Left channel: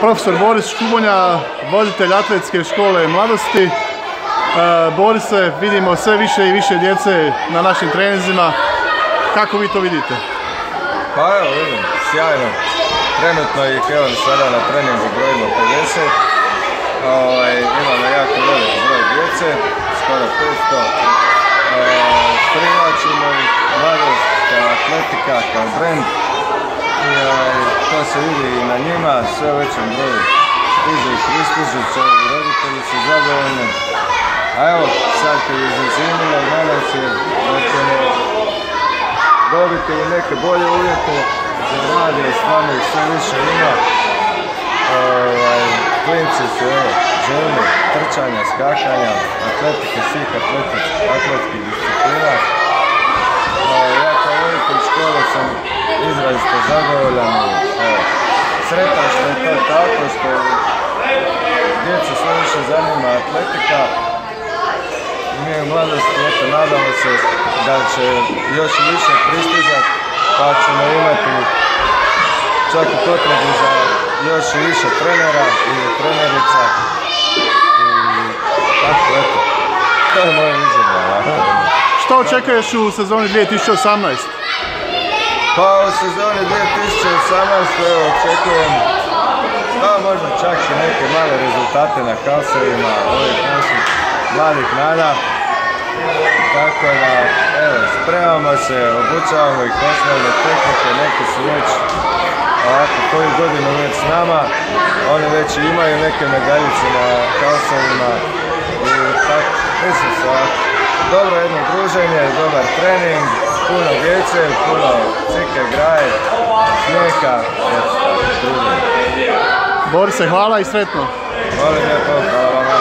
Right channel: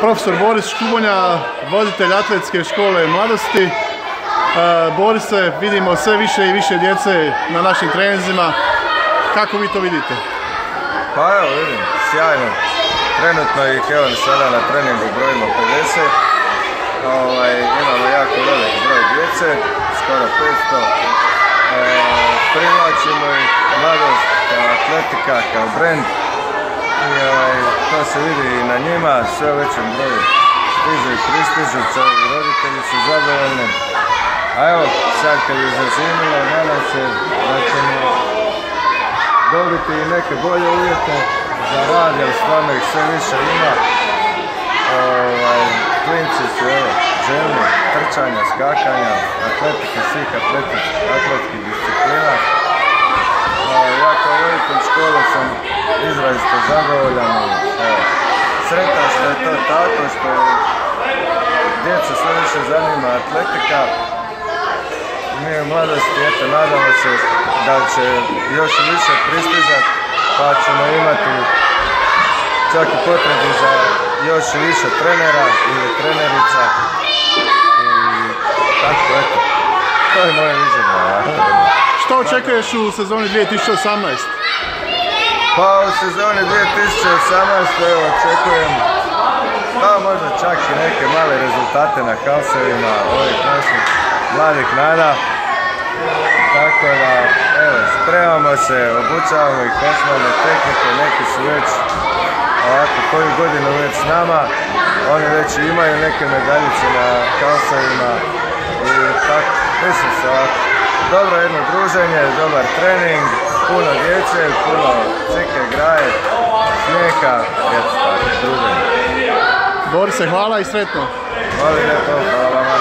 Profesor Boris Škubonja, voditelj atletske škole mladosti. Borise, vidimo sve više i više djece na našim treninzima. Kako vi to vidite? Pa evo vidim, sjajno. Trenutno ih evo sada na treningu brojimo 50. Imamo jako velik broj djece, skoro 500. Privlačimo ih mladost kao atletika, kao brend. I to se vidi i na njima, sve u većem broju stižu i pristižu, roditelji su zadovoljni. A evo, sad kad je zazimilo, nadam se da ćemo dobiti i neke bolje uvjete za rade i stvarno ih sve više ima. Klinci su evo, željni trčanja, skakanja, atletike, svih atletskih disciplina. Ja kao voditelj škole sam izrazito zadovoljan i sretan što je to tako, što djeca sve više zanima atletika. Mi u mladosti nadamo se da će još više pristizati, pa ćemo imati čak i potrebu za još više trenera ili trenerica. I tako, eto, to je moje viđenje. Što očekuješ u sezoni 2018? Pa u sezoni 2018 očekujem možda čak i neke male rezultate na kaosevima ovih naših mladih nada. Tako da, evo, spremamo se, obučavamo ih osnovne tehnike, neki su već ovako koju godinu već s nama. Oni već imaju neke medaljice na kaosevima i tako, mislim se ovako. Dobro jedno druženje, dobar trening, puno djece, puno cike, graje, smijeha, eto tako, druženje. Borise, hvala i sretno. Hvala lijepo, hvala vama.